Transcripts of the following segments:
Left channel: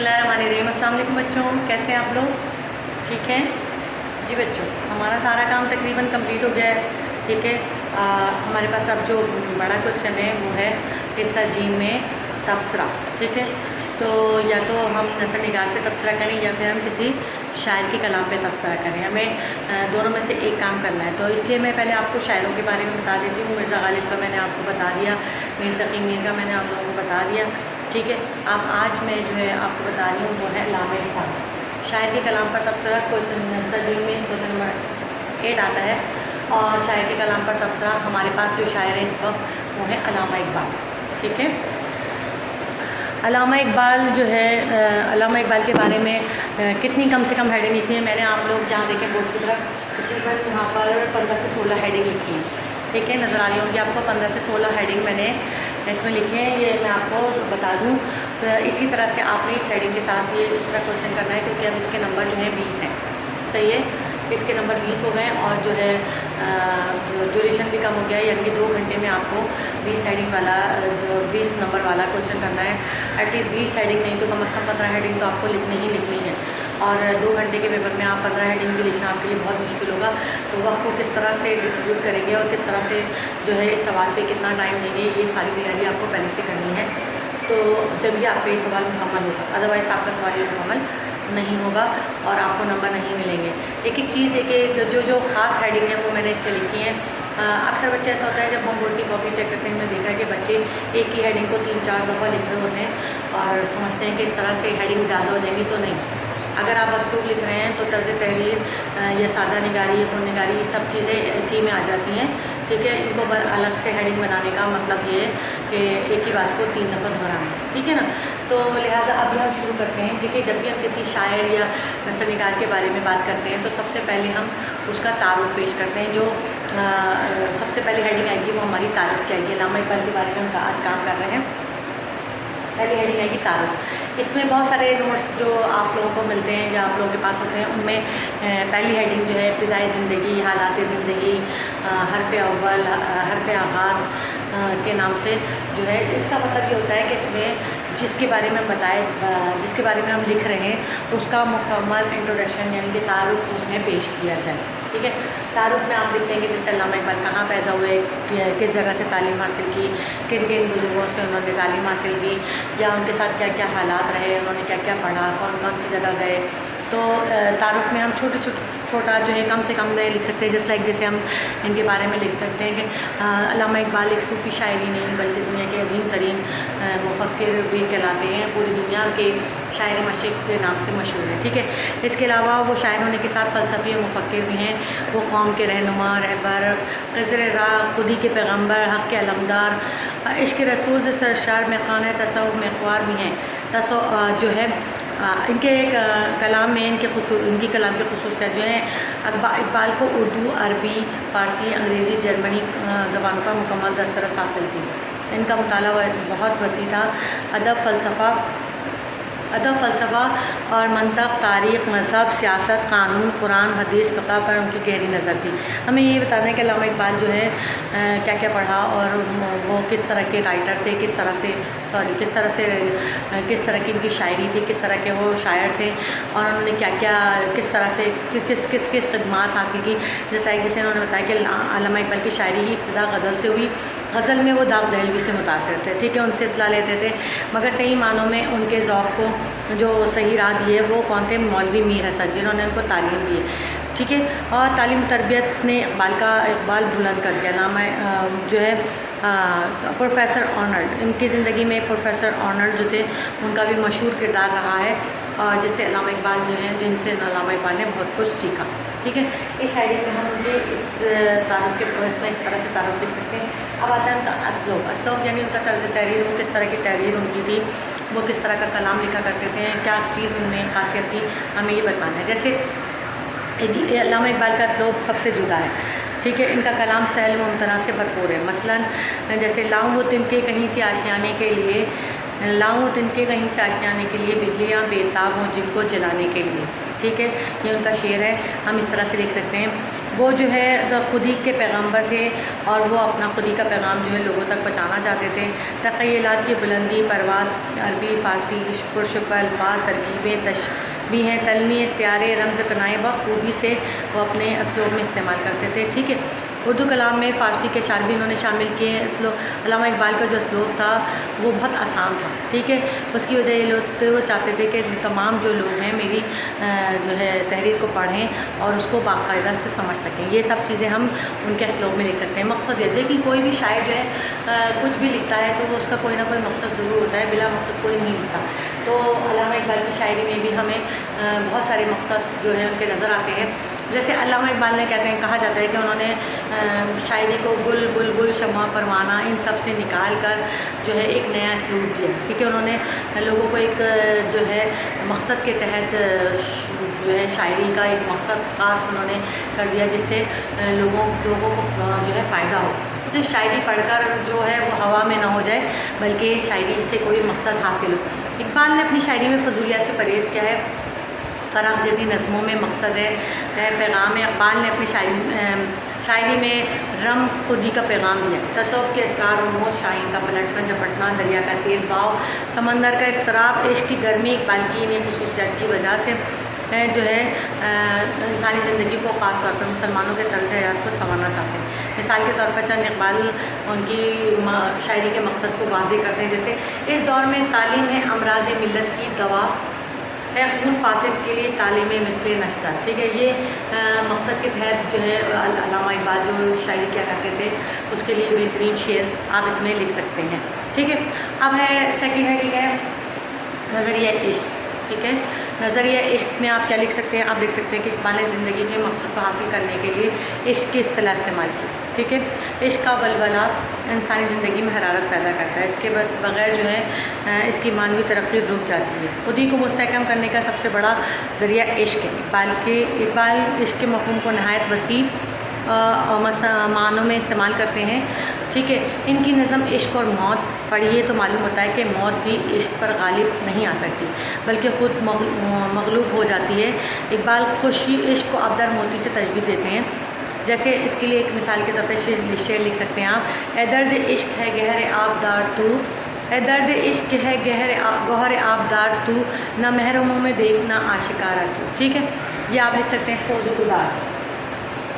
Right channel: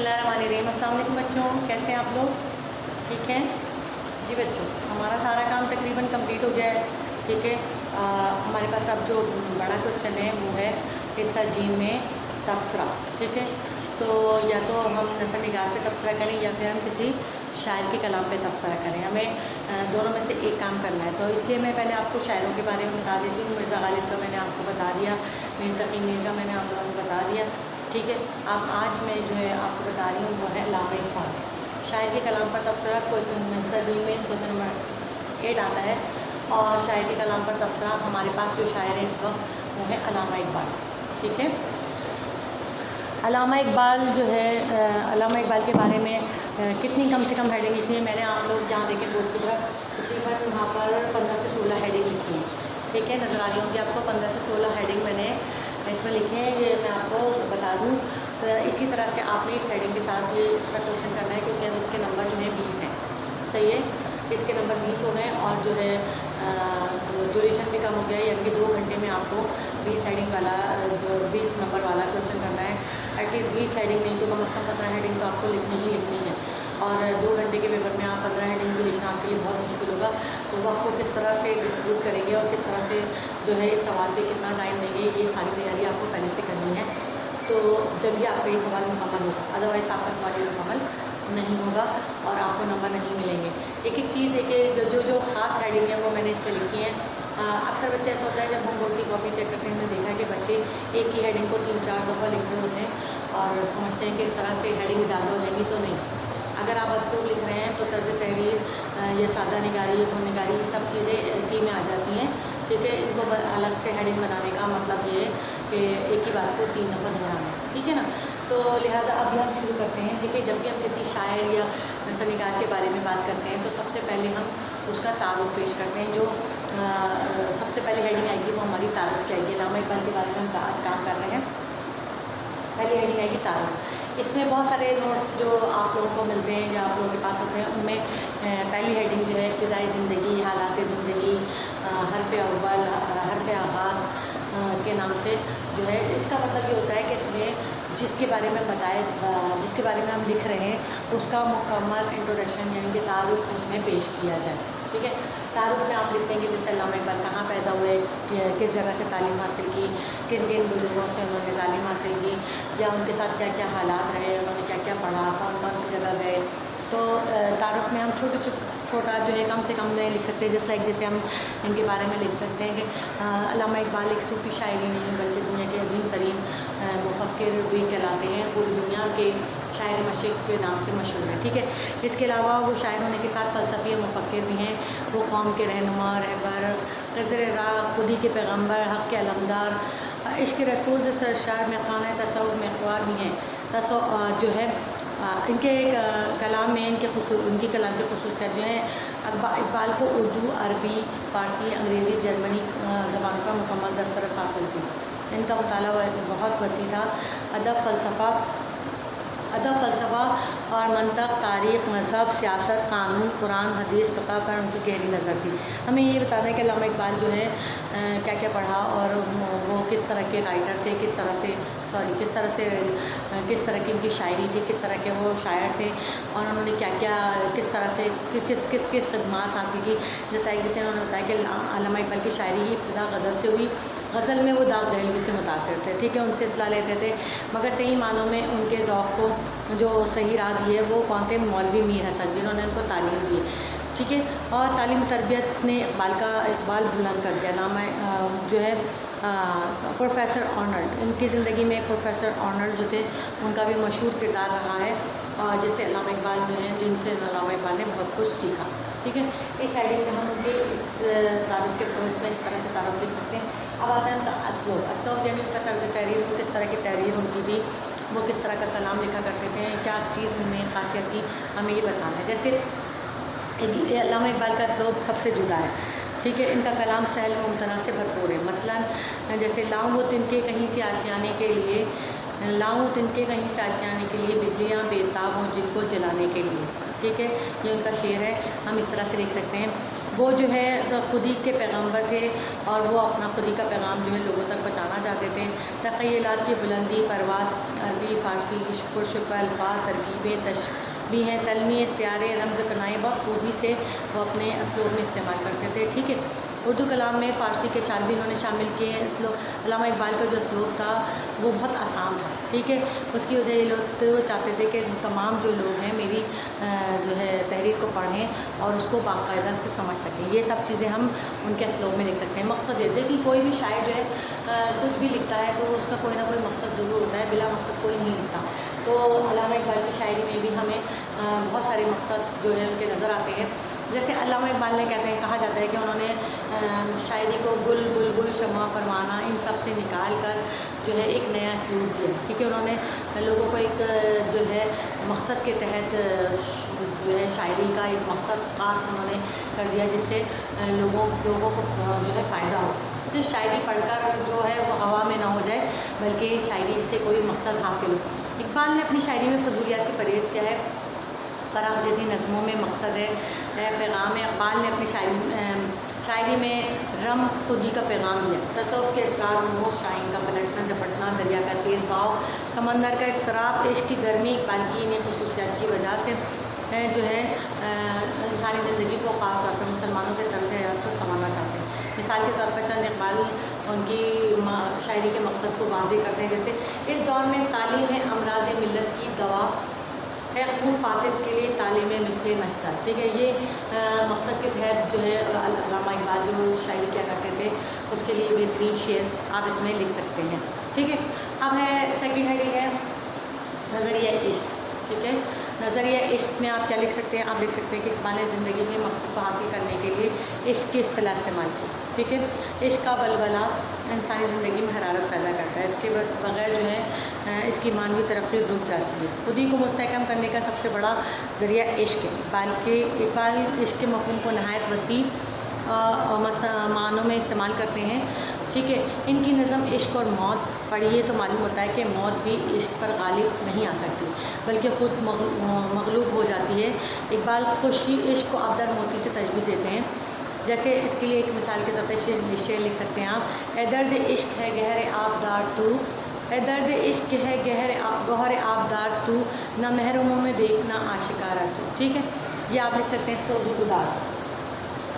बिस्मिल्लाहिर्रहमानिर्रहीम। अस्सलाम वालेकुम बच्चों, कैसे हैं आप लोग? ठीक हैं जी बच्चों, हमारा सारा काम तकरीबन कंप्लीट हो गया है। ठीक है, हमारे पास अब जो बड़ा क्वेश्चन है वो है हिस्सा जी में तबसरा। ठीक है, तो या तो हम नज़र निगार पे तबसरा करें या फिर हम किसी शायर के कलाम पे तबसरा करें। हमें दोनों में से एक काम करना है। तो इसलिए मैं पहले आपको शायरों के बारे में बता देती हूँ। मिर्ज़ा गालिब का मैंने आपको बता दिया, मीर तकी मीर का मैंने आप लोगों को बता दिया। ठीक है, अब आज मैं जो है आपको बता रही हूँ वो है अल्लामा इक़बाल। शायर के कलाम पर तबसरा क्वेश्चन सदी में क्वेश्चन नंबर 8 आता है। और शायर के कलाम पर तबसरा हमारे पास जो शायर है इस वक्त वो है अल्लामा इक़बाल। ठीक है, अल्लामा इक़बाल जो है अल्लामा इक़बाल के बारे में कितनी कम से कम हेडिंग लिखी है। मैंने आप लोग जहाँ देखें बोर्ड की तरफ तकरीबन वहाँ पर 15 से 16 हेडिंग लिखी है। ठीक है, नज़र आ रही होंगी आपको 15 से 16 हेडिंग मैंने इसमें लिखे हैं। ये मैं आपको बता दूँ, तो इसी तरह से आपने इस हेडिंग के साथ ये इस तरह क्वेश्चन करना है, क्योंकि अब इसके नंबर जो है 20 हैं। सही है, इसके नंबर 20 हो गए और जो है ड्यूरेशन भी कम हो गया है, यानी कि 2 घंटे में आपको 20 हेडिंग वाला जो 20 नंबर वाला क्वेश्चन करना है। एटलीस्ट 20 हेडिंग नहीं तो कम से कम 15 हेडिंग तो आपको लिखनी ही लिखनी है। और 2 घंटे के पेपर में आप 15 हेडिंग भी लिखना आपके लिए बहुत मुश्किल होगा। तो वक्त को किस तरह से डिस्ट्रीब्यूट करेंगे और किस तरह से जो है इस सवाल पे कितना टाइम देंगे, ये सारी तैयारी आपको पहले से करनी है। तो जब भी आपका ये सवाल मुकम्मल होगा, अदरवाइज़ आपका सवाल मुकम्मल नहीं होगा और आपको नंबर नहीं मिलेंगे। एक एक चीज़ है कि जो ख़ास हेडिंग है वो मैंने इस पर लिखी है। अक्सर बच्चे ऐसा होता है जब हम बोर्ड की कॉपी चेक करते हैं, मैंने देखा है कि बच्चे एक ही हेडिंग को 3-4 दफ़ा लिख रहे होते हैं और समझते हैं कि इस तरह से हेडिंग ज़्यादा हो जाएंगी। तो नहीं, अगर आप असलूब लिख रहे हैं तो तर्ज़ तहरीर या सादा निगारी या निगारी ये सब चीज़ें इसी में आ जाती हैं। ठीक है, इनको अलग से हेडिंग बनाने का मतलब ये है कि एक ही बात को 3 दफ़ा दोहराना। ठीक है ना, तो लिहाजा अब हम शुरू करते हैं। ठीक है, जब भी हम किसी शायर या नसरनिगार के बारे में बात करते हैं तो सबसे पहले हम उसका तारुफ पेश करते हैं। जो सबसे पहले हेडिंग आएगी वो हमारी तारीफ़ की आएगी। अल्लामा इक़बाल के बारे में हम आज काम कर रहे हैं। पहली हेडिंग आएगी तारुफ। इसमें बहुत सारे नोट्स जो आप लोगों को मिलते हैं या आप लोगों के पास होते हैं, उनमें पहली हेडिंग जो है इब्तिदाई ज़िंदगी, हालात ज़िंदगी, हर्फ़ अव्वल, हर्फ़ आगाज़ के नाम से जो है, इसका मतलब ये होता है कि इसमें जिसके बारे में हम जिसके बारे में हम लिख रहे हैं उसका मुकम्मल इंट्रोडक्शन यानी कि तारुफ उसमें पेश किया जाए। ठीक है, तारुफ में आप लिख देंगे जैसे अल्लामा इक़बाल कहाँ पैदा हुए, किस जगह से तालीम हासिल की, किन किन बुज़ुर्गों से उन्होंने तालीम हासिल की, या उनके साथ क्या क्या हालात रहे, उन्होंने क्या क्या पढ़ा, कौन कौन सी जगह गए। तो तारुफ में हम छोटा जो है कम से कम लिख सकते हैं। जैसे जैसे हम इनके बारे में लिख सकते हैं कि अल्लामा इक़बाल एक सूफ़ी शायर ही नहीं बल्कि दुनिया के अजीम तरीन मुफ़क्किर भी कहलाते हैं, पूरी दुनिया के शायर मशरिक़ के नाम से मशहूर है। ठीक है, इसके अलावा वो शायर होने के साथ फ़लसफ़ी और मुफ़क्किर भी हैं। वो कौम के रहनुमा, रहबर, क़िज़्र राह, खुदी के पैगम्बर, हक़ के अलमदार, इश्क़ रसूल से सरशार में ख़ान तसव्वुफ़ में अख़बार भी हैं। जो है इनके कलाम में इनकी कलाम की ख़ुसूसियत जो है, इक़बाल को उर्दू, अरबी, फ़ारसी, अंग्रेज़ी, जर्मनी ज़बान का मुकम्मल दस्तरस हासिल थी। इनका मुताला बहुत वसी था। अदब, फ़लसफ़ा और मंतक़, तारीख़, मज़हब, सियासत, क़ानून, कुरान, हदीस, फ़िक़्ह पर उनकी गहरी नज़र थी। हमें ये बताना है कि अल्लामा इक़बाल जो है क्या क्या पढ़ा और वो किस तरह के राइटर थे, किस तरह की इनकी शायरी थी, किस तरह के वो शायर थे और उन्होंने क्या क्या किस तरह से किस खिदमात हासिल की। जैसे उन्होंने बताया कि अल्लामा इक़बाल की शायरी ही इब्तिदा गज़ल से हुई। गज़ल में वो दाऊद दहलवी से मुतासिर थे। ठीक है, उनसे इस्लाह लेते थे, मगर सही मानों में उनके ज़ौक़ को जो सही राह दी है वो कौन थे? मौलवी मीर हसन, जिन्होंने उनको तालीम दी है। ठीक है, और तालीम तरबियत ने इक़बाल बुलंद कर दिया। अल्लामा जो है प्रोफेसर आर्नल्ड, इनकी ज़िंदगी में प्रोफेसर आर्नल्ड जो थे उनका भी मशहूर किरदार रहा है, और जिससे अल्लामा इक़बाल जो हैं जिनसे अल्लामा इक़बाल ने बहुत कुछ सीखा। ठीक है, इस हेडिंग में हम ये इस तारुफ के प्रोसेस इस तरह से तारुफ देख सकते हैं। अब आता है उनका असलूब यानी उनका तर्ज़ तहरीर, वो किस तरह की तहरीर उनकी थी, वो किस तरह का कलाम लिखा करते थे, क्या चीज़ उनमें ख़ासियत थी, हमें ये बताना है। जैसे अल्लामा इक़बाल का असलूब सबसे जुदा है। ठीक है, इनका कलाम सहल व मुमतना से भरपूर है। मसलन जैसे लाऊं तिनके कहीं से आशियाने के लिए, बिजलियाँ बेताब हों जिनको जलाने के लिए। ठीक है, ये उनका शेर है, हम इस तरह से लिख सकते हैं। وہ جو ہے خودی کے پیغمبر تھے اور وہ اپنا خودی کا پیغام جو ہے لوگوں تک پہنچانا چاہتے تھے۔ تخیلات کی بلندی، پرواز، عربی، فارسی، پرشکل الفاظ، ترکیبیں، تشبیہیں، تلمی، استعارے، رمز پناہیں بہت خوبی سے وہ اپنے اسلوب میں استعمال کرتے تھے، ٹھیک ہے۔ اردو کلام میں فارسی کے اشعار بھی انہوں نے شامل کیے۔ علامہ اقبال کا جو اسلوب تھا وہ بہت آسان تھا، ٹھیک ہے۔ اس کی وجہ یہ لوگ وہ چاہتے تھے کہ تمام جو لوگ ہیں میری جو ہے تحریر کو پڑھیں اور اس کو باقاعدہ سے سمجھ سکیں۔ یہ سب چیزیں ہم ان کے اسلوب میں لکھ سکتے ہیں۔ مقصد یہ ہے کہ کوئی بھی شاعر جو ہے کچھ بھی لکھتا ہے تو اس کا کوئی نہ کوئی مقصد ضرور ہوتا ہے، بلا مقصد کوئی نہیں لکھتا۔ تو علامہ اقبال کی شاعری میں بھی ہمیں بہت سارے مقصد جو ہیں ان کے نظر آتے ہیں۔ جیسے علامہ اقبال نے کہتے ہیں، کہا جاتا ہے کہ انہوں نے شاعری کو گل، بلبل، شمع، پروانہ ان سب سے نکال کر جو ہے ایک نیا اسلوب دیا، ٹھیک ہے۔ انہوں نے لوگوں کو ایک جو ہے مقصد کے تحت جو ہے شاعری کا ایک مقصد خاص انہوں نے کر دیا، جس سے لوگوں کو جو ہے فائدہ ہو۔ صرف شاعری پڑھ کر جو ہے وہ ہوا میں نہ ہو جائے، بلکہ شاعری سے کوئی مقصد حاصل ہو۔ اقبال نے اپنی شاعری میں فضولیات سے پرہیز کیا ہے۔ فراخ جیسی نظموں میں مقصد ہے، پیغام ہے۔ اقبال نے اپنی شاعری میں رم خودی کا پیغام دیا۔ تصوف کے اسرار، رموز، شاہین کا پلٹنا جھپٹنا، دریا کا تیز بہاؤ، سمندر کا اضطراب، عشق کی گرمی، اقبال کی انہیں خصوصیات کی وجہ سے جو ہے انسانی زندگی کو خاص طور پر مسلمانوں کے طرز حیات کو سنوارنا چاہتے ہیں۔ مثال کے طور پر چند اقبال ان کی شاعری کے مقصد کو واضح کرتے ہیں، جیسے اس دور میں تعلیم ہے امراض ملت کی دوا، ہے خون فاسد کے لیے تعلیم مثل نشتر، ٹھیک ہے۔ یہ مقصد کے تحت جو ہے علامہ اقبال جو شاعری کیا کرتے تھے اس کے لیے بہترین شعر آپ اس میں لکھ سکتے ہیں، ٹھیک ہے۔ اب ہے سیکنڈ ہیڈنگ ہے نظریہ عشق، ٹھیک ہے۔ نظریہ عشق میں آپ کیا لکھ سکتے ہیں؟ آپ لکھ سکتے ہیں کہ اقبال نے زندگی کے مقصد کو حاصل کرنے کے لیے عشق کی اصطلاح استعمال کی، ٹھیک ہے۔ عشق کا ولولہ انسانی زندگی میں حرارت پیدا کرتا ہے، اس کے بغیر جو ہے اس کی معنوی ترقی رک جاتی ہے۔ خودی کو مستحکم کرنے کا سب سے بڑا ذریعہ عشق ہے۔ اقبال عشق کے مفہوم کو نہایت وسیع معنوں میں استعمال کرتے ہیں، ٹھیک ہے۔ ان کی نظم عشق اور موت پڑھیے تو معلوم ہوتا ہے کہ موت بھی عشق پر غالب نہیں آ سکتی، بلکہ خود مغلوب ہو جاتی ہے۔ اقبال خوشی عشق کو آبدار موتی سے تشبیہ دیتے ہیں، جیسے اس کے لیے ایک مثال کے طور پہ شعر لکھ سکتے ہیں آپ۔ اے درد عشق ہے گہر آبدار تو، اے درد عشق ہے گوہر آبدار تو، نہ محرموں میں دیکھنا آشکارا تو، ٹھیک ہے۔ یہ آپ لکھ سکتے ہیں سوز و گداز،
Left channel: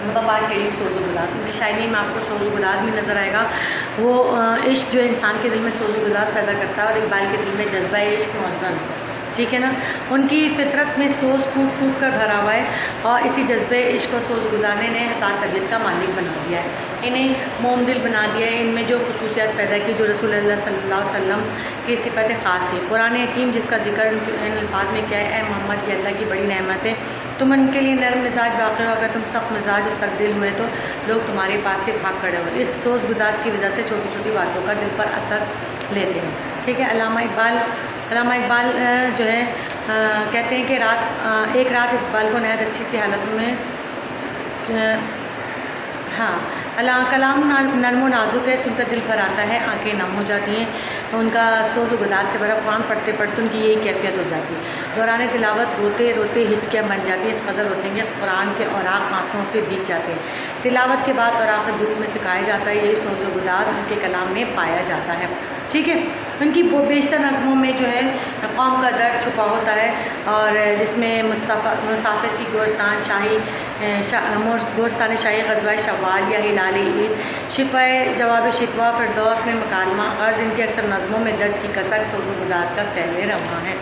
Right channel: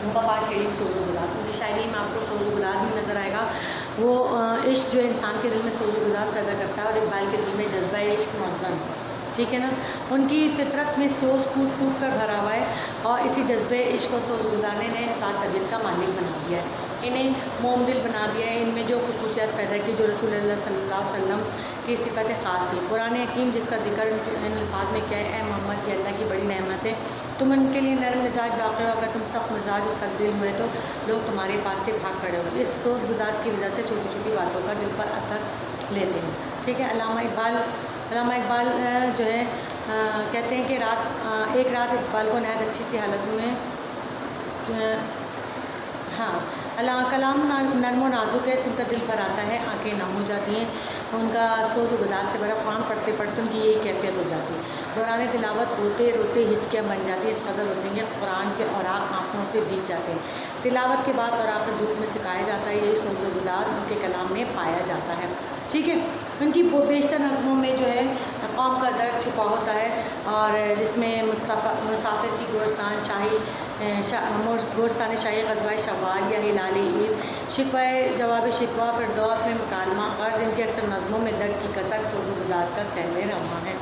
متبادل شاعری سوز و گداز۔ ان کی شاعری میں آپ کو سوز و گداز میں نظر آئے گا۔ وہ عشق جو ہے انسان کے دل میں سوز و گداز پیدا کرتا ہے، اور اقبال کے دل میں جذبہ عشق معظم، ٹھیک ہے نا۔ ان کی فطرت میں سوز کود کود کر بھرا ہوا ہے، اور اسی جذبہ عشق و سوز گزارنے نے حساس طبیعت کا مالک بنا دیا ہے، انہیں موم دل بنا دیا ہے۔ ان میں جو خصوصیات پیدا کی جو رسول اللہ صلی اللہ علیہ وسلم کی صفت خاص تھی۔ قرآن حکیم جس کا ذکر ان الفاظ میں کیا ہے، اے محمد یہ اللہ کی بڑی نعمت ہے، تم ان کے لیے نرم مزاج واقع ہو، اگر تم سخت مزاج اور سخت دل ہوئے تو لوگ تمہارے پاس سے بھاگ کھڑے ہو۔ اس سوز گداز کی وجہ سے چھوٹی چھوٹی باتوں کا دل پر اثر لیتے ہیں، ٹھیک ہے۔ علامہ اقبال جو ہے کہتے ہیں کہ ایک رات اقبال کو نہایت اچھی سی حالت میں کلام نرم و نازک ہے، سن کر دل بھر آتا ہے، آنکھیں نم ہو جاتی ہیں، ان کا سوز و گداز سے بھرا قرآن پڑھتے پڑھتے ان کی یہی کیفیت ہو جاتی ہے۔ دوران تلاوت روتے روتے ہچکیاں بن جاتی ہیں، اس قدر ہوتے ہیں کہ قرآن کے اوراق آنسوؤں سے بھیگ جاتے ہیں۔ تلاوت کے بعد اوراق دھوپ میں سکھایا جاتا ہے، یہی سوز و گداز ان کے کلام میں پایا جاتا ہے، ٹھیک ہے۔ ان کی بیشتر نظموں میں جو ہے قوم کا درد چھپا ہوتا ہے، اور جس میں مسافر کی گورستان شاہی غزوہ شوال یا ہلال عید، شکوہ جواب شکوہ، فردوس میں مکالمہ، غرض ان کی اکثر نظموں میں درد کی کثر سوز و گداز کا سیل رواں ہے،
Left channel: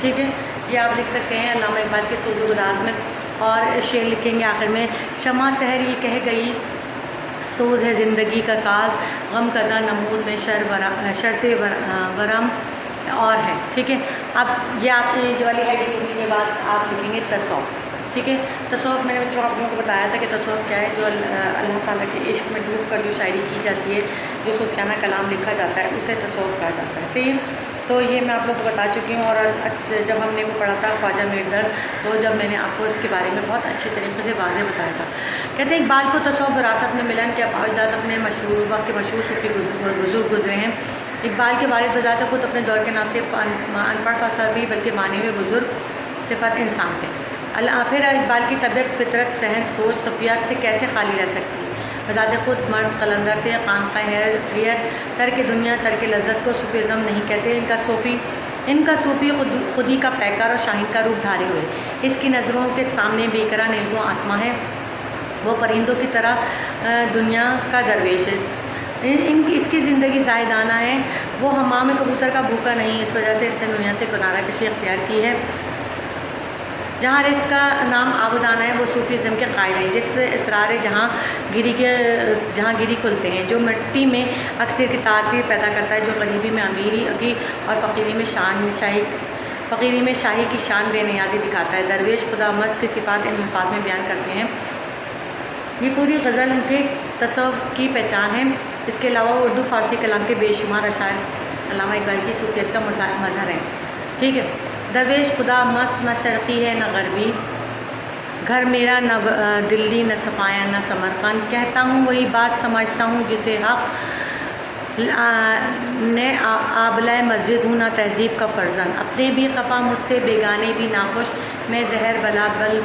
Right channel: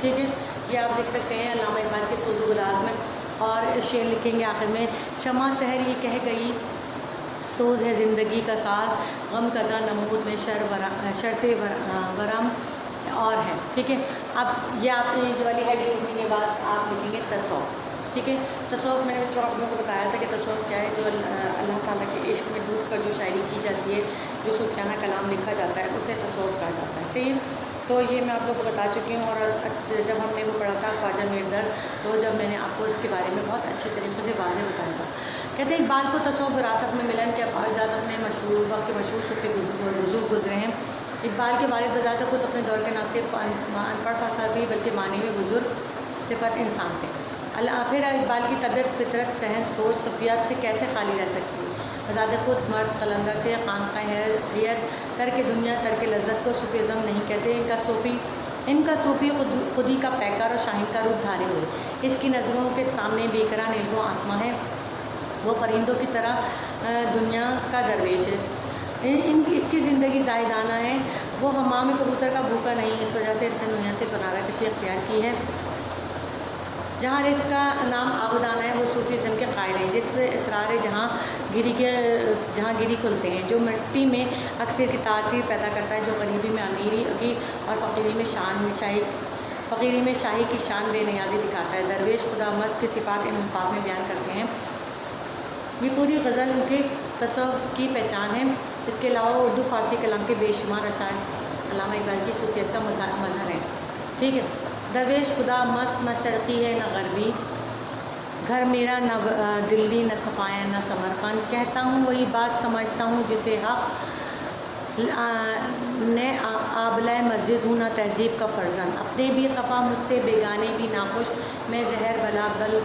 ٹھیک ہے۔ یہ آپ لکھ سکتے ہیں علامہ اقبال کے سوز و گداز میں۔ اور شعر لکھیں گے آخر میں، شمع سحر یہ کہہ گئی سوز ہے زندگی کا ساز، غم کدہ نمود میں شرط ورم اور ہے، ٹھیک ہے۔ اب یہ آپ یہ والی ہیڈنگ لکھنے کے بعد آپ لکھیں گے تصوف، ٹھیک ہے۔ تصوف میں نے بچوں آپ لوگوں کو بتایا تھا کہ تصوف کیا ہے، جو اللہ تعالیٰ کے عشق میں ڈوب کر جو شاعری کی جاتی ہے، جو صوفیانہ کلام لکھا جاتا ہے، اسے تصوف کہا جاتا ہے، صحیح۔ تو یہ میں آپ لوگوں کو بتا چکی ہوں، اور جب ہم نے وہ پڑھا تھا خواجہ میردرد، تو جب میں نے آپ کو اس کے بارے میں بہت اچھے طریقے سے واضح بتایا تھا۔ کہتے ہیں اقبال کو تصوف وراثت میں ملن کے باوجود اپنے وقت کے مشہور صوفی بزرگ گزرے ہیں۔ اقبال کے والد بذات خود اپنے دور کے نہ صرف ان پڑھ فصاحت بھی بلکہ معنی میں بزرگ صفت انسان تھے۔ پھر اقبال کی طبیعت، فطرت، ذہن، سوچ، صفیات سے کیسے خالی رہ سکتی ہے؟ بذات خود مرد قلندر تھے، خانقاہ حیت، ترک دنیا، ترک لذت کو صوفیزم نہیں کہتے۔ ان کا صوفی خودی کا پیکر اور شاہین کا روپ دھاری ہوئے۔ اس کی نظروں کے سامنے بے قرار نیلو آسماں ہے، وہ پرندوں کی طرح دنیا کا درویش ہے۔ اس کی زندگی زاہدانہ ہے، وہ حمام کبوتر کا بھوکا نہیں، اس وجہ سے اس نے دنیا سے کنارہ کشی اختیار کی ہے۔ جہاں رزق کا نام آبودانہ ہے، وہ صوفیزم کے قائل ہیں، جس اسرار جہاں گیری کھلتے ہیں، جو مٹی میں اکثر کی تاثیر پیدا کرتا ہے، جو غریبی میں امیری کی اور فقیری میں شاہی کی شان بے نیازی دکھاتا ہے۔ درویش خدا مست کی صفات ان الفاظ میں بیان کرتے ہیں۔ یہ پوری غزل ان کے تصوف کی پہچان ہے۔ اس کے علاوہ اردو فارسی کلام کے بے شمار اشعار علامہ اقبال کی صوفیت کا مظہر ہے۔ ٹھیک ہے، درویش خدا مست، نہ شرقی ہے نہ غربی، گھر میرا نہ دلی نہ صفایا نہ سمرقند، کہتا ہوں وہی بات سمجھتا ہوں جسے حق، نے آبلۂ مسجد ہوں نہ تہذیب کا فرزند، اپنے بھی خفا مجھ سے بیگانے بھی ناخوش، میں زہر بلا بل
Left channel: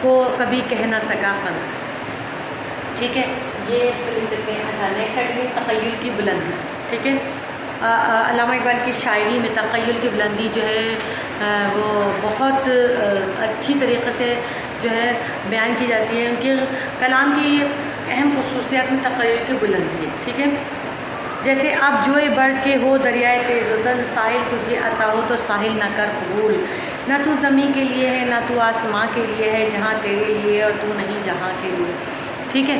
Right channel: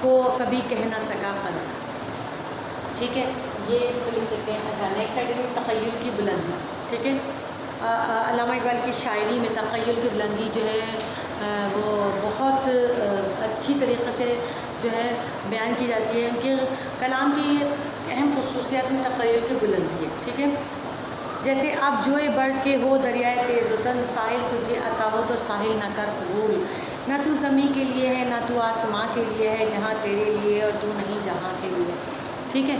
کو کبھی کہہ نہ سکا قند۔ ٹھیک ہے، یہ اس کو لکھ سکتے ہیں۔ اچھا، نیکسٹ ہے تخیل کی بلندی۔ ٹھیک ہے، علامہ اقبال کی شاعری میں تخیل کی بلندی جو ہے وہ بہت اچھی طریقے سے جو ہے بیان کی جاتی ہے۔ ان کے کلام کی اہم خصوصیات میں تخیل کی بلندی ہے۔ ٹھیک ہے، جیسے اب جوئے بڑھ کے ہو دریائے تیز و دل، ساحل تجھے عطا ہو تو ساحل نہ کر قبول، نہ تو زمیں کے لیے ہے نہ تو آسماں کے لیے ہے، جہاں تیرے لیے اور تو نہیں جہاں کے لیے۔ ٹھیک ہے،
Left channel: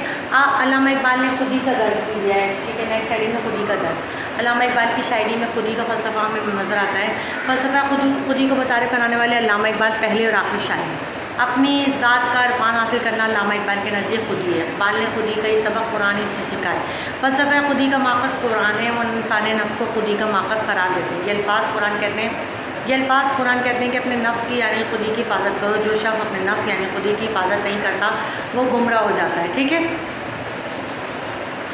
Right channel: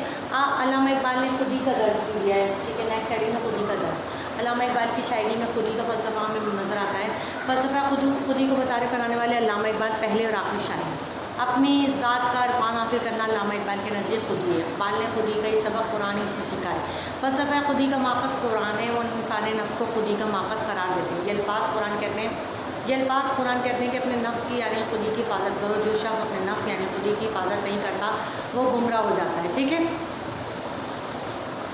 علامہ اقبال نے خودی کا درس بھی دیا ہے۔ ٹھیک ہے، نیکسٹ شاعری میں خودی کا درس۔ علامہ اقبال کی شاعری میں خودی کا فلسفہ ہمیں نظر آتا ہے۔ فلسفہ خودی کو متعارف کرانے والے علامہ اقبال پہلے اور آخری شاعر ہیں۔ اپنی ذات کا عرفان حاصل کرنا علامہ اقبال کے نزدیک خودی ہے۔ اقبال نے خودی کا ہی سبق قرآن سے سکھا ہے۔ فلسفہ خودی کا ماخذ قرآن ہے، وہ انسان نفس کو خودی کا ماخذ قرار دیتے ہیں۔ یہ الفاظ قرآن کہتے ہیں کہ اپنے نفس کی یعنی خودی کی حفاظت کرو، جو شخص اپنے نفس یعنی خودی کی حفاظت نہیں کرتا وہ گمراہ ہو جاتا ہے۔ ٹھیک ہے،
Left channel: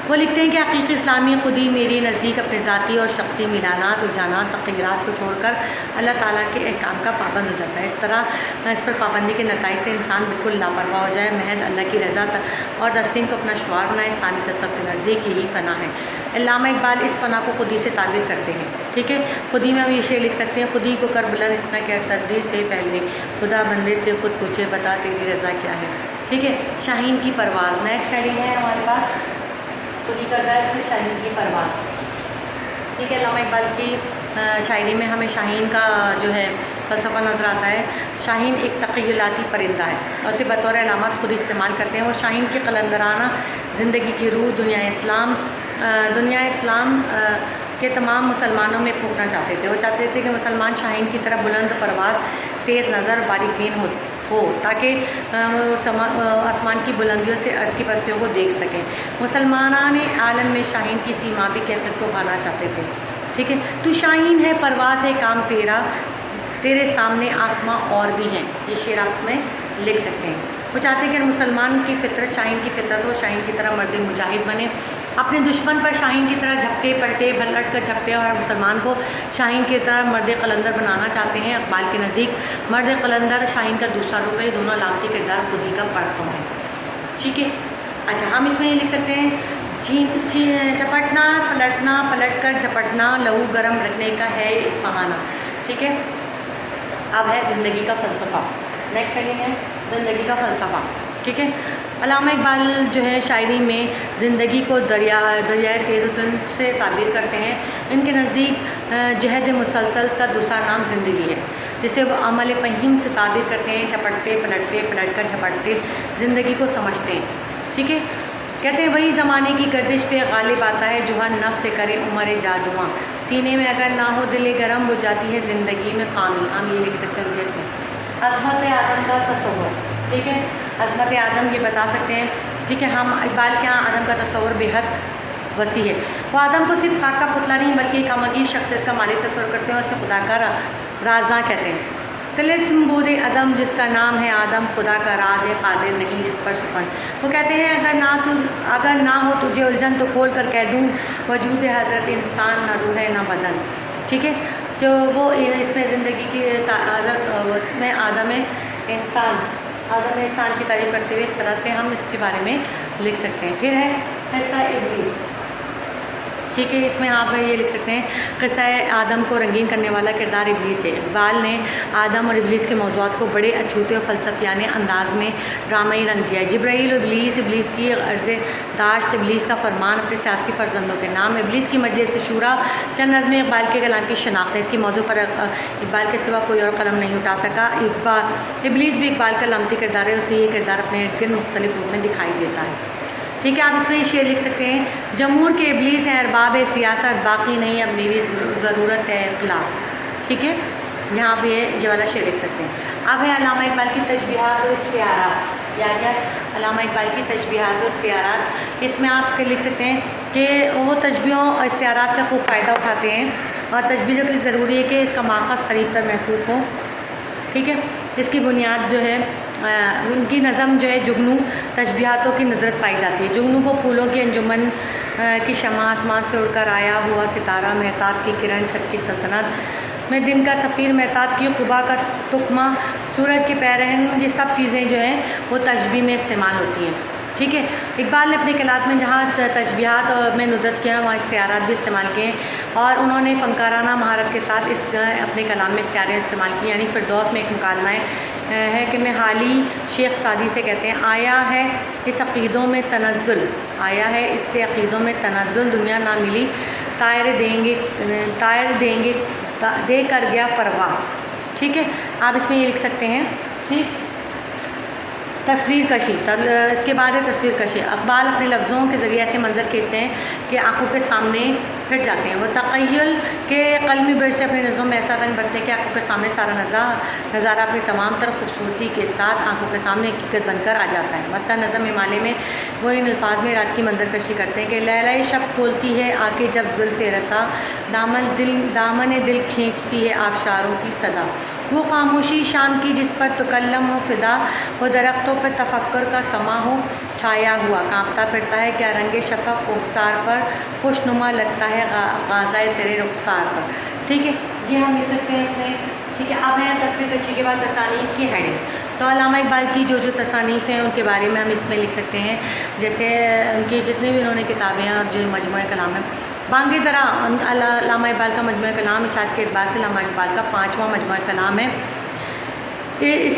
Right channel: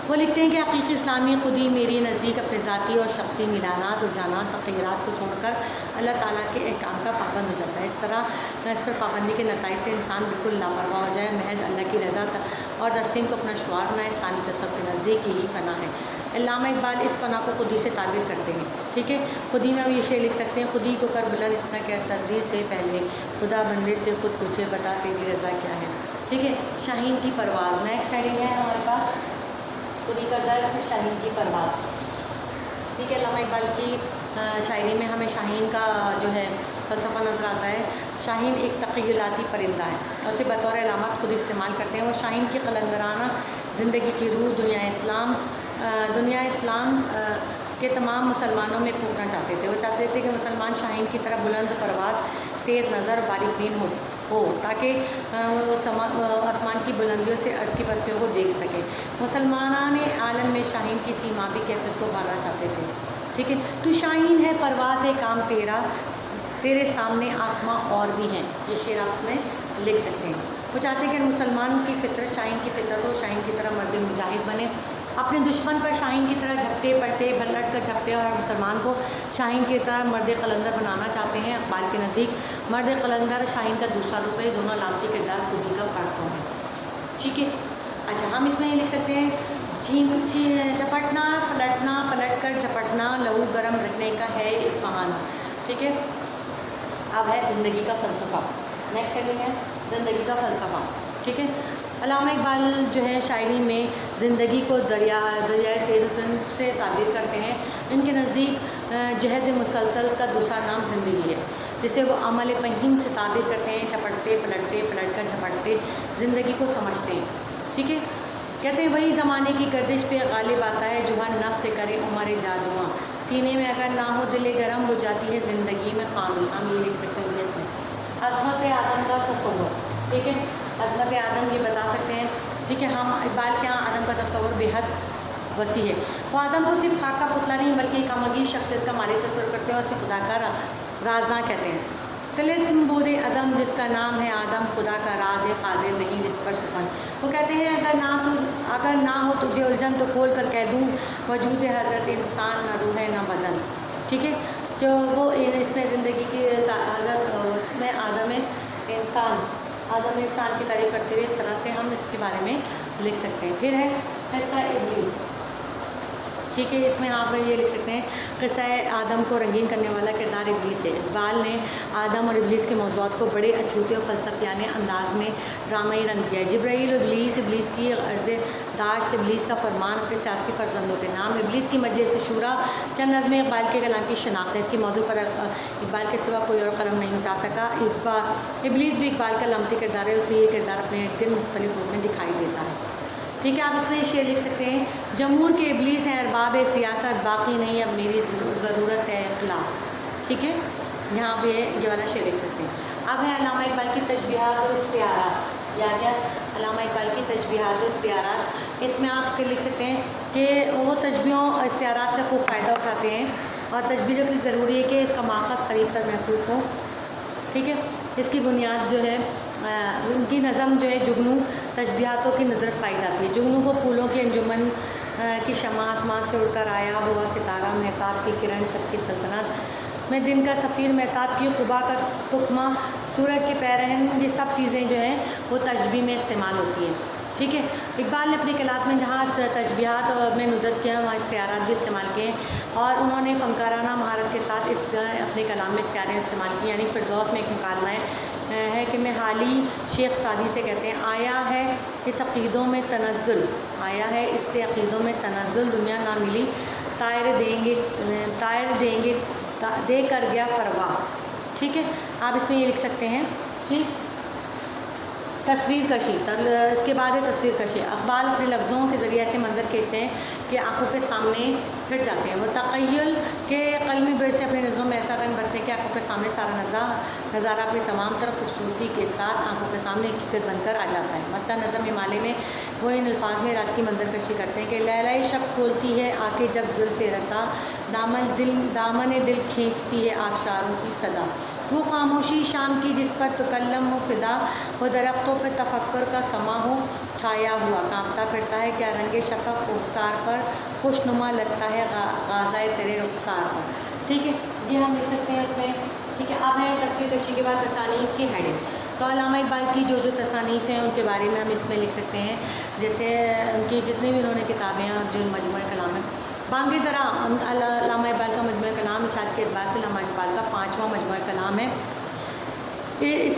وہ لکھتے ہیں کہ حقیقی اسلامی خودی میری نزدیک اپنے ذاتی اور شخصی میلانات، رجحانات، تغیرات کو چھوڑ کر اللہ تعالیٰ کے احکام کا پابند ہو جاتا ہے۔ اس طرح اس پر پابندی کے نتائج سے انسان بالکل لاپرواہ ہو جائے، محض اللہ کی رضا اور تسلیم کو اپنا شعار بنائے۔ اسلامی تصوف کے نزدیک یہی فنا ہے۔ علامہ اقبال اس فنا کو خودی سے تعبیر کرتے ہیں۔ ٹھیک ہے، خودی میں ہم یہ شعر لکھ سکتے ہیں: خودی کو کر بلند اتنا کیا تقدیر سے پہلے، خدا بندے سے خود پوچھے بتا تیری رضا کیا ہے۔ ٹھیک ہے، شاہین کی پرواز نیکسٹ شاعری ہے ہمارے پاس۔ خودی کا درد، پھر شاہین کی پرواز۔ ٹھیک ہے، علامہ اقبال کی شاعری میں ہمیں شاہین کا جو ہے فلسفہ نظر آتا ہے۔ شاہین ایک تخیلاتی پرندہ ہے اور اسے بطور علامت خود استعمال کرتے ہیں۔ وہ شاہین کی قلندرانہ زندگی کی روح دنیا اسلام کے تمام مسلمانوں میں پھونکنا چاہتے تھے۔ وہ چاہتے تھے کہ مسلمان شاہین کی طرح بلند پرواز، تیز نظر، باریک بین ہو تاکہ آسمان کی بلندیوں سے عرض کی بستیوں کو دیکھ سکیں۔ مسلمانان عالم میں شاہین کی سیمابی کیفیت کو پانا چاہتے تھے۔ ٹھیک ہے، تو شاہین ہے پرواز ہے کام تیرا، تیرے سامنے آسماں اور بھی ہیں۔ یہ شعر آپ اس میں لکھ سکتے ہیں۔ وہ چاہتے ہیں کہ مسلمان کی فطرت شاہین کی فطرت ہو، شاہین کی طرح مرد مجاہد بنے، اپنے دشمن پر شاہین کی طرح جھپٹے پلٹے پلٹ کر جھپٹے، اور مسلمان کو شاہین کی طرح مرد قلندر بنانا چاہتے ہیں۔ اقبال کے نزدیک مرد قلندر شاہین کا دوسرا روپ ہے، دونوں علامتی کردار خودی کا پڑھتوں ہیں۔ ٹھیک ہے، اچھا، ہم اس میں یہ لکھ سکتے ہیں: چپٹنا پلٹ کر جھپٹنا، لہو گرم رکھنے کا ہے ایک بہانہ۔ ٹھیک ہے، اب ہے زندگی کا فلسفہ۔ نیکسٹ ہیڈنگ ہے زندگی کا فلسفہ۔ ٹھیک ہے، علامہ اقبال جو ہے شاعری میں زندگی کو دریائے تیز و تن سے تعبیر کرتے ہیں۔ ان کے نزدیک جہد مسلسل کا دوسرا نام زندگی ہے، جسے وہ عمل پہیم سے تعبیر کرتے ہیں۔ چپٹتے پلٹتے پلٹ کر جھپٹتے زندگی کو سمجھتے ہیں۔ ٹھیک ہے، کہتے ہیں وہی زمانے کی گردش پہ غالب آتا ہے جو ہر نفس سے کرے عمر جادواں، سینے میں اگر نہ ہو دل گرم ہو جاتی ہے زندگی میں خامی۔ ہم یہ لکھ سکتے ہیں اس میں عظمت آدم کا تصور۔ ٹھیک ہے، عظمت آدم یہ بتا سکتے ہیں۔ ٹھیک ہے، ہم اقبال کے یہاں آدم کا تصور بے حد وسیع ہے۔ وہ آدم کو صرف خاک کا پتلا نہیں بلکہ ایک امگی شخصیت کا مالک تصور کرتے ہیں اور اسے خدا کا رازداں کہتے ہیں۔ طلسم بود عدم جس کا نام ہے آدم، خدا کا راز ہے قادر نہیں جس پر سخن۔ وہ کہتے ہیں اگر نہ ہو تجھے الجھن تو کھول کر کہہ دوں وجود حضرت انسان، نہ روح ہے نہ بدن۔ ٹھیک ہے، جو وہ اس میں زندگی کی اس میں آدم انسان आदम एहसान की तारीफ़ करते हुए इस तरह से हम इसके बारे में लिख सकते हैं। फिर है किस्सा इब्लीस, ठीक है, इसमें आप ये लिख सकते हैं किस्सा आदम को रंगीन करने वाला किरदार इब्लीस है। इकबाल ने आदम और इब्लीस के मौज़ूआत को बड़े अछूते और फ़लसफ़ियाने अंदाज में ड्रामाई रंग दिया है। जिब्राईल और इब्लीस की अर्ज़ दाश्त, इब्लीस का फरमान, अपने सियासी फ़र्जंदों के नाम, इब्लीस की मजलिस शूरा, चंद नज़में इकबाल के कलाम की शनाख्त है। इसकी मौजू पर इकबाल के सिवा कोई और कलम नहीं उठा सका। इब्लीस भी इकबाल का लमती किरदार है, उसे ये किरदार अपने इर्द गिर्द मुख्तलिफ रूप में दिखाई देता है। ठीक है, आप इसमें शेर लिख सकते हैं, जमहूर के इब्लीस हैं अरबाब सियासत, बाकी नहीं अब मेरी ज़रूरत है इख्लाक। ठीक है, यहाँ पे ये वाला शेर लिख सकते हैं। अब है अल्लामा इकबाल की तशबीहात व इस्तिआरात, या क्या अल्लामा इकबाल की तशबीहात व इस्तिआरात। इसमें आप लिख सकते हैं कि वो तशबीहों और इस्तिआरात से खूब फ़ायदा उठाते हैं और तशबीहों के लिए ज़रूरी है कि इसका माखज़ करीब तर महसूस हो। ठीक है, इसकी बुनियाद जो है उनकी नज़म जो है जुगनू तशबीहातों की नुदरत पाई जाती है। जुगनू को फूलों की अंजुमन की शमा, आसमान से उड़कर आया हुआ सितारा, महताब की किरण, छत की सल्तनत में दिन का सफ़ीर, महताब की कुबा का तुकमा, सूरज की पैरहन, ये सब चीज़ें जो हैं वो तशबीह में इस्तेमाल होती हैं। ठीक है, इकबाल ने अपने कलात में जहाँ तशबीहात और में नुदरत किया वहाँ इस्तिआरात भी इस्तेमाल किए और उन्होंने फ़नकाराना महारत के साथ अपने कलाम में इस्तिआरें इस्तेमाल की। यानी फिरदौस में एक मुकालमा है कि मैं हाली शेख सादी से कहते हैं, आया है इस अक़ीदों में तनज़्ज़ुल, आया है इससे अक़ीदों में तनज़्ज़ुल, दुनिया ना मिली तायर देंगे दे कर गया परवाह। ठीक है, आप इसमें ये लिख सकते हैं। ठीक, तस्वीर कशी, तब इसके बाद है तस्वीर कशी। इकबाल अपने लफ्ज़ों के ज़रिए ऐसे मंजर खींचते हैं कि आंखों के सामने फिर जाते हैं। वो तख़य्युल के कलमी ब्रश से अपने नज़रों में ऐसा रंग भरते हैं कि आंखों के सामने सारा नज़ारा अपनी तमाम तरह खूबसूरती के साथ आंखों के सामने हकीकत बनकर आ जाता है। मसलन नज़म माले में वो इन अल्फाज में रात की मंजर कशी करते हैं कि लैला शब खोलती है आके जब ज़ुल्फ़े रसा, दामन दिल खींचती है आबशारों की सदा, वो खामोशी शाम की जिस पर तकल्लम हो फिदा, वो दरख्तों पर तफक्कुर का समा हो छाया हुआ, कांपता फिरता है क्या रंगे शफ़क़ रुखसार पर, खुशनुमा लगता है गाज़ाए तेरे रुखसार पर। ठीक है, ये हम लिख सकते हैं इसमें। ठीक है, अब है तस्वीर कशी के बाद तसानीफ़ की हेडिंग। तो अल्लामा इकबाल की जो तसानीफ़ हैं उनके बारे में हम इसमें लिख सकते हैं, जैसे उनकी जितनी भी उन्होंने किताबें और जो मजमूआ कलाम है, बांगी तरह अल्लामा इकबाल का मजमूआ कलाम इशात के एतबार से अल्लामा इकबाल का 5वां मजमूआ कलाम है।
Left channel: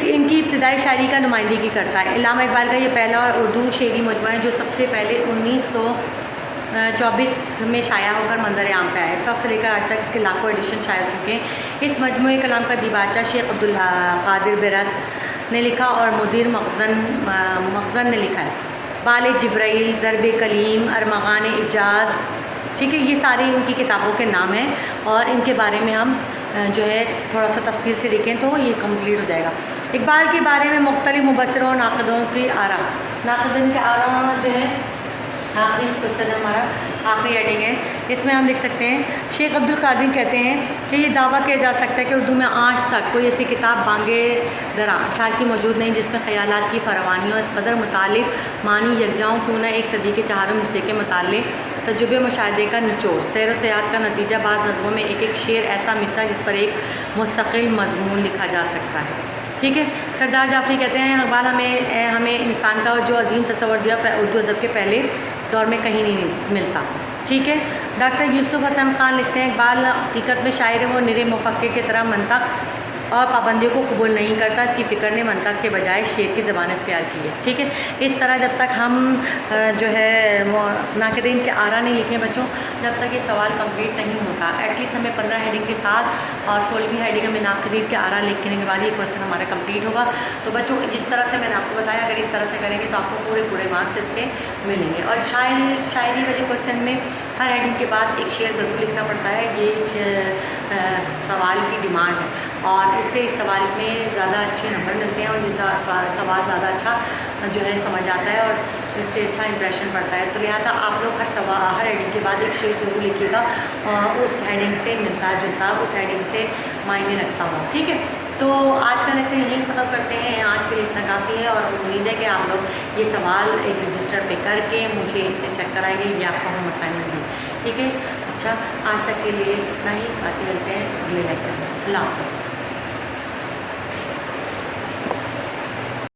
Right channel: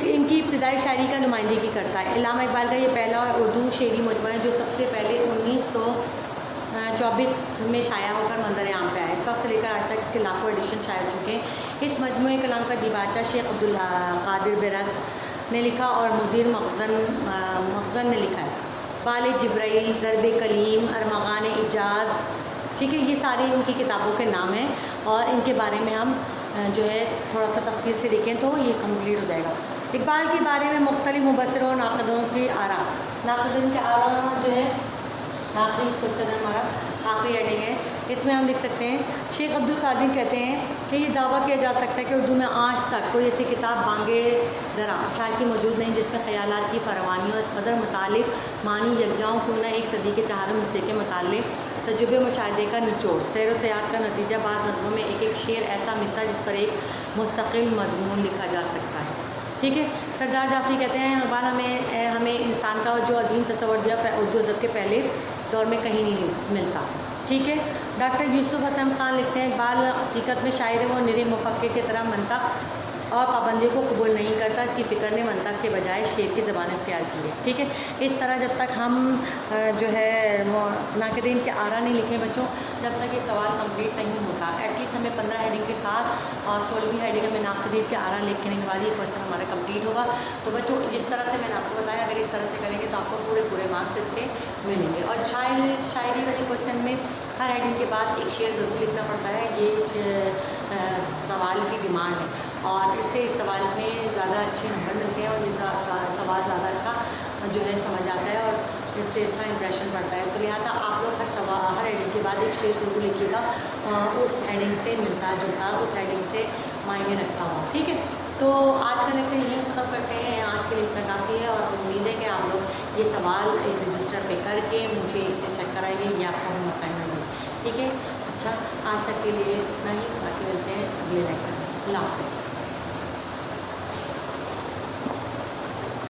इनकी इब्तिदाई शायरी का नुमाइंदगी करता है। अल्लामा इकबाल का ये पहला और उर्दू शेरी मजमूआ है जो सबसे पहले 1924 में शाया होकर मंजर आम पे आया। इस वक्त से लेकर आज तक इसके लाखों एडिशन शाया हो चुके हैं। इस मजमूए कलाम का दिबाचा शेख अब्दुल कादिर बिरस ने लिखा और मुदीर मखज़न ने लिखा है। बाल जिब्राईल, ज़रब कलीम, अरमग़ान इजाज़, ठीक है, ये सारी इनकी किताबों के नाम हैं और इनके बारे में हम जो है थोड़ा सा तफसील से देखें तो ये कंप्लीट हो जाएगा। इकबाल के बारे में मुख्तलिफ मुबस्सिरों नाक़िदों की आरा, नाक़िदीन के आरा जो है आखिरी क्वेश्चन हमारा आखिरी हेडिंग है, इसमें हम लिख सकते हैं शेख अब्दुल कादिर कहते हैं कि ये दावा किया जा सकता है कि उर्दू में आज तक कोई ऐसी किताब बांगे दरा शायर की मौजूद नहीं जिसमें ख़यालात की फरवानियों इस कदर मुतालिब मानी यकजाओं क्यों ना एक सदी के चारों हिस्से के मुतालिक तजुर्बे मुशाहदे का निचोड़ सैर व सयाहत का नतीजा, बाद नज़मों में एक एक शेर ऐसा मिसरा जिस पर एक मुस्तकिल मजमून लिखा जा सकता है। ठीक है, सरदार जाफरी कहते हैं इकबाल हमें इंसान का जो अजीम तस्वर दिया उर्दू अदब के पहले दौर में कहीं नहीं मिलता। ठीक है, डॉक्टर यूसुफ हसन खान लिखते हैं इकबाल हकीकत में शायर है, वो निरे मुफक्किर की तरह मंतक और पाबंदियों को कबूल नहीं करता, इसकी फ़िक्र ने मंतक के बजाय शेर की ज़बान इख्तियार की है। ठीक है, इस तरह जब तक हम जो है नाक़िदीन के आरा नहीं लिखें बच्चों, जब तक ये सवाल कंप्लीट नहीं होता, एटलीस्ट हमें 15 हेडिंग के साथ और 16वीं हेडिंग में नाक़िदीन के आरा लिखने के बाद ये क्वेश्चन हमारा कंप्लीट होगा। तो बच्चों जिस तरह से मैंने आपको बताया, अगर इस तरह से करेंगे तो आपको पूरे मार्क्स इसके मिलेंगे। और शायरी वाले क्वेश्चन में हर हेडिंग के बाद एक शेर ज़रूर लिखना पड़ता है, ये सवाल की डिमांड है और इससे इस सवाल में ज़्यादा अच्छे नंबर मिलते हैं और ये सवाल ज़्यादा अच्छा जो है समझ आता है और इससे अच्छा इंप्रेशन पड़ता है। तो लिहाजा आप लोग हर हेडिंग के बाद एक शेर ज़रूर लिखिएगा उस हेडिंग से मिलता जुलता, उस हेडिंग से मायने रखता हूँ। ठीक है, तो आज का लेक्चर यही ख़त्म करते हैं, आज के लिए इतना काफ़ी है और उम्मीद है कि आप लोग ये सवाल एक रजिस्टर पे करके मुझे इसे चेक कराएंगे, ये आपका होम असाइनमेंट है। ठीक है, अच्छा आज तक के लिए इतना ही, बातें मिलते हैं अगले लेक्चर में। अल्लाह हाफ़िज़।